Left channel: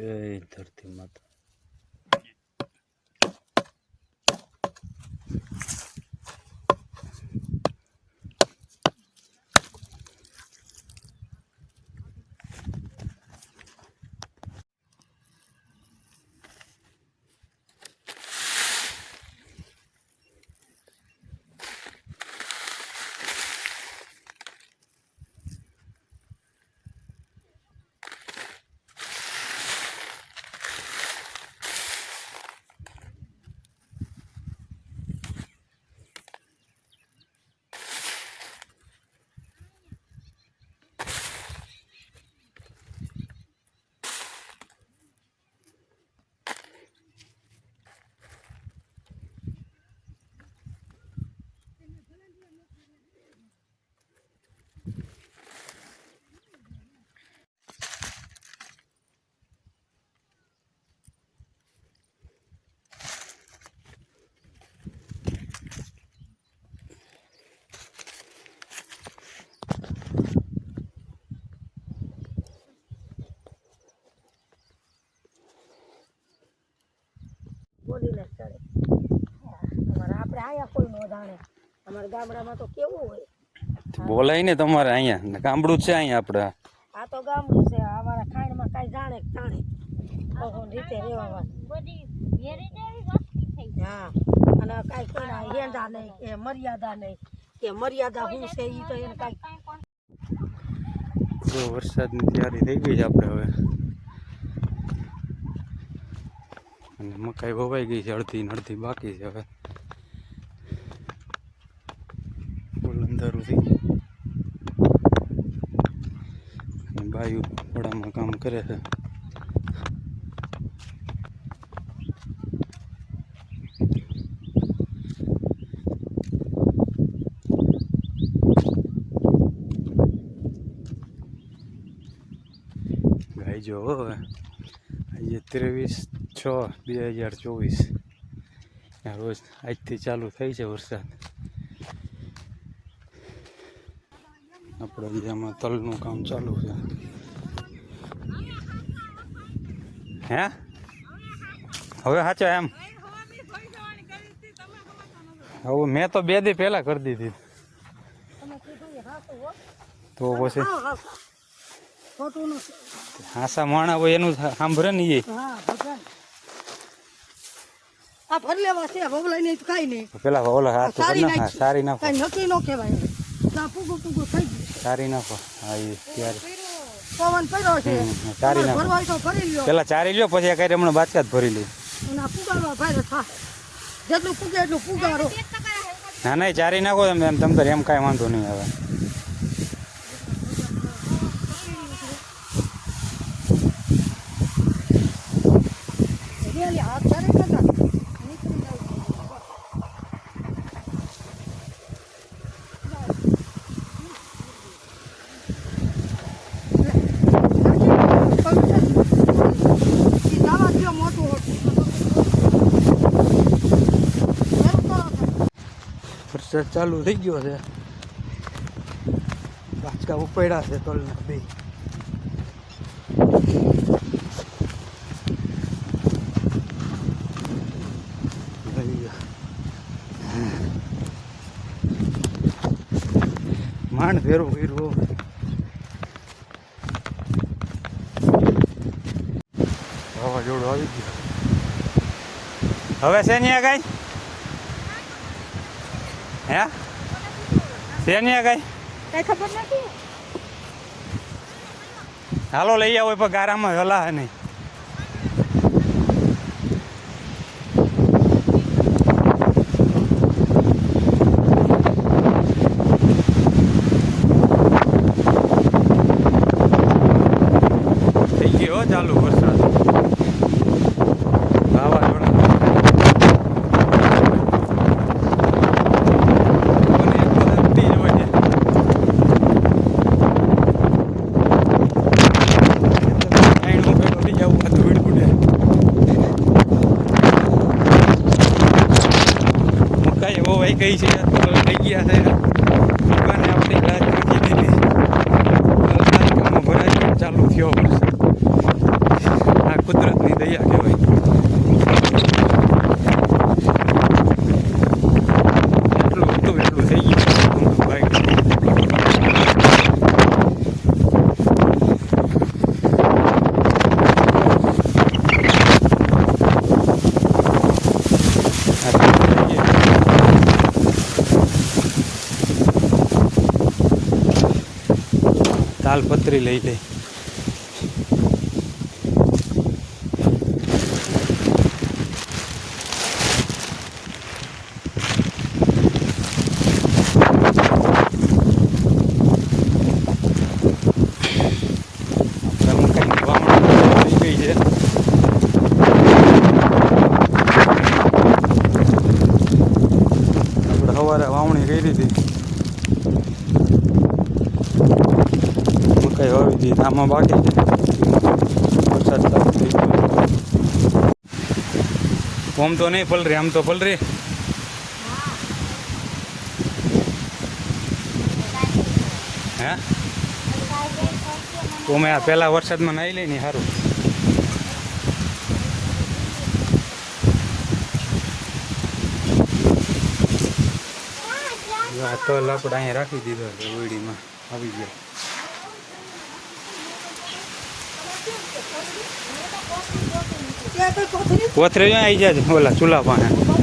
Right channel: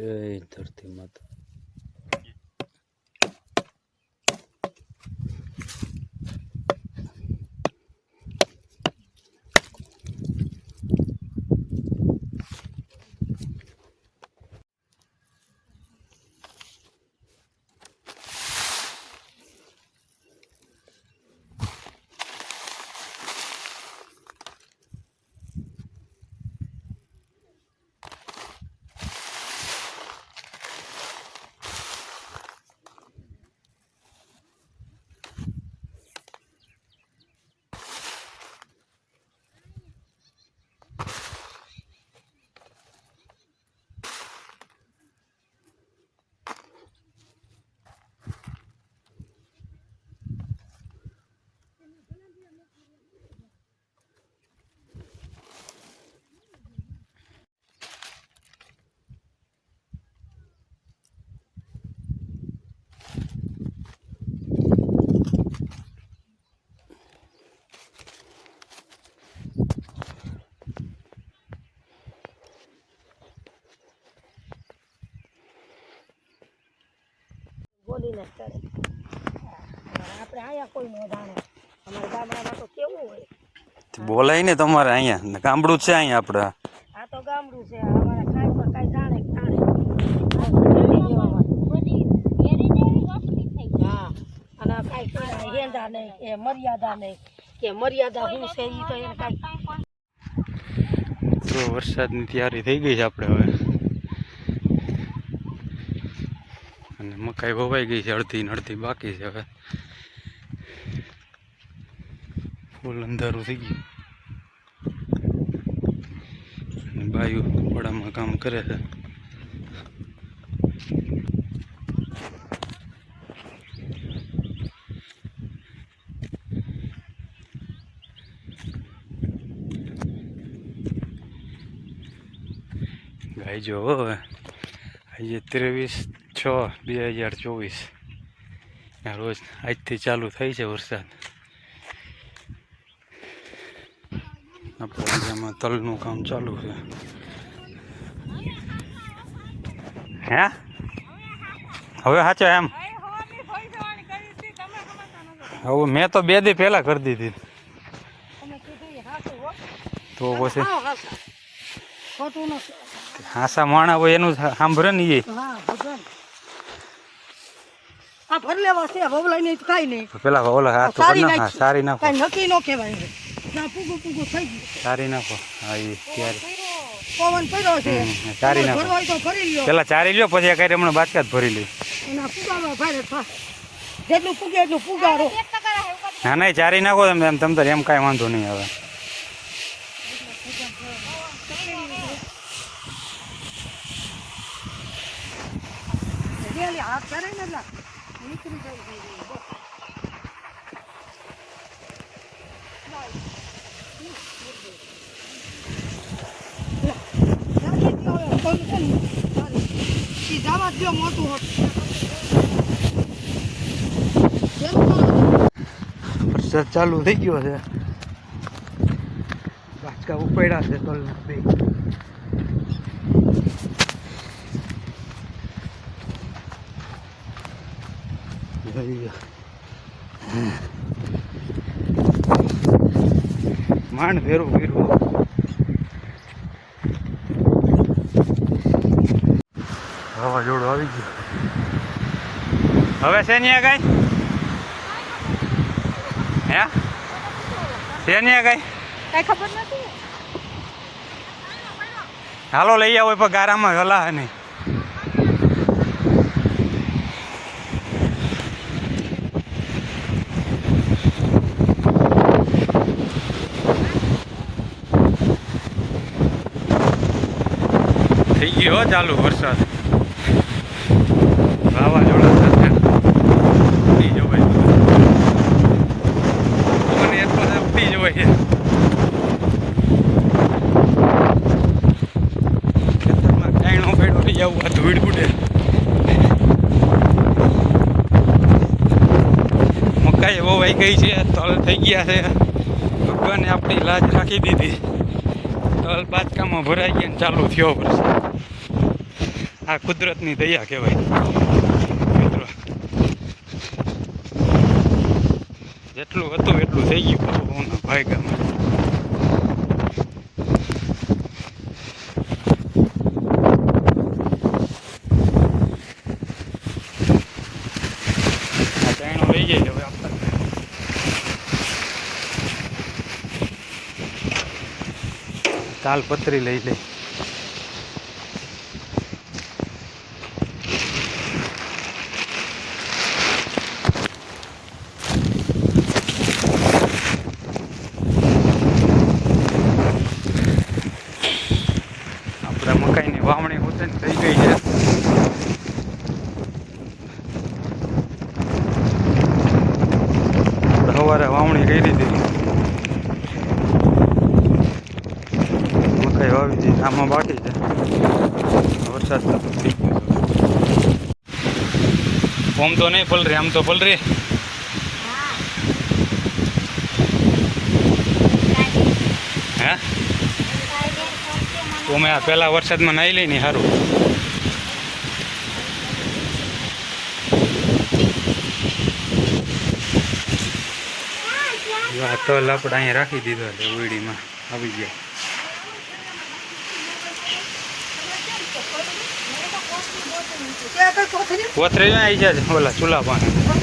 જય ધરતી માતા બોલીને જ કરે આપણે આયા કોઈ ન જાણે અમારા ગામડામાં તો કેવું હોય? બોલાય ને તમારે અહીંયા. ગામડું છે અહીંયા આપણે. આ તો ગામડું છે. અમારા ખાડમાં કાંઈ જાણે જાણે. હા. અને કાંઈ હેંડા નહીં કે મર્યાદા નહીં. કે મર્યાદા શું છે એ તો એને કાંઈ વરસાદની તૈયારી થઈ ગઈ છે આપણે હવે. અને મકાઈ વવાઈ ગઈ છે અડધી અડધી બાકી છે હવે. ફૂલ અંધારું થઈ ગયું. બાયુ પડામાં કામ કરે છે. ગાય જો હવે. આજે ત્રેવીસ છ બે હજાર ચોવીસ. રોજ આજથી ચાલુ થઈ છે વરસાદ. આપણે એરિયામાં તલનું કામ ચાલુ છે. હે? હવે સાચો એમ? હવે મેં તો બે દી પહેલા કરી દીધી. તો પછી? હાસા માણા હોય એનું સાંભળે ને એ આ ભર લેવા છે ભવલાઈ નહીં કાંઈ નહીં. પેલા ઓલા હાથ ઉપર સારી ના હા, સારી નાખો. કાંઈ નક્કી ન કહેવાય ના પૂગું પૂગું થઈ ગયું. સારી નાખો. હા એ ત્યારે. પવન પડ્યો છે. સારી નાખો. ભરવાય તો ભરી લ્યો. પેલા ચારી લ્યો પછી આ કઈ હમણાં બાચકા ભરી લઈ અને પુગાવા થા. જેટલું પૂગે એટલું પૂગારો ના ચારી નાખો તમે તમ તાર એમ કાંઈ વાંધો નહીં હવે રેલી હાથ કરે છે ને નીકળી જાય વરસાદ ચાલુ થઈ ગયો છે. બાચકા ઉપાડ્યા છે તલના બે. માંડ ફેરવું ફેરવું વાવાઝોડું આવી ગયું. હવે છે નહીં કઈ? હે? છે નહીં કઈ? કઈ ખબર નથી? હાલો લઈ આવો પણ ગારામાં હલા નહીં થઈ ગયો હો ચાલુ વરસાદ. વાવાઝોડા સાથે બીજો ભાઈ પવન એટલો ધબતી જ હોય છે એનું બેઠો બી આવું મકાઈ ઉડે મકાઈ ગઈ છે, તલ થઈ ગયા છે. દુકાને આપણી લાજ નાખી દીધી. તલ તાજકામાં ભરાઈ ગયા ચાલુ થયો આ કુદરતની દયા કહેવાય. એટલું હતું, એટલું થઈ ગયું. ભાઈ કરી આ પૂરું થઈ જાય તાલપત્રી લઈ લે. આપણે મકાઈની વાવણી થઈ ગઈ છે. આપણે સવારે વાવણી કરી હતી મકાઈ વાવી દીધી આમાં બાકી વરસાદ થઈ ઓમ તો નહીં પલરે, આમ તો પલરે. હે? તો મેં આ પહેલાં વરસાદમાં નાહી લઈ ને સારું આ તો આપણે અહીંયા રાખી દીધો છે ઓઈડીમાં આવી ગયા. કોથરે આવી જાય બોલા ચૂલા પાસે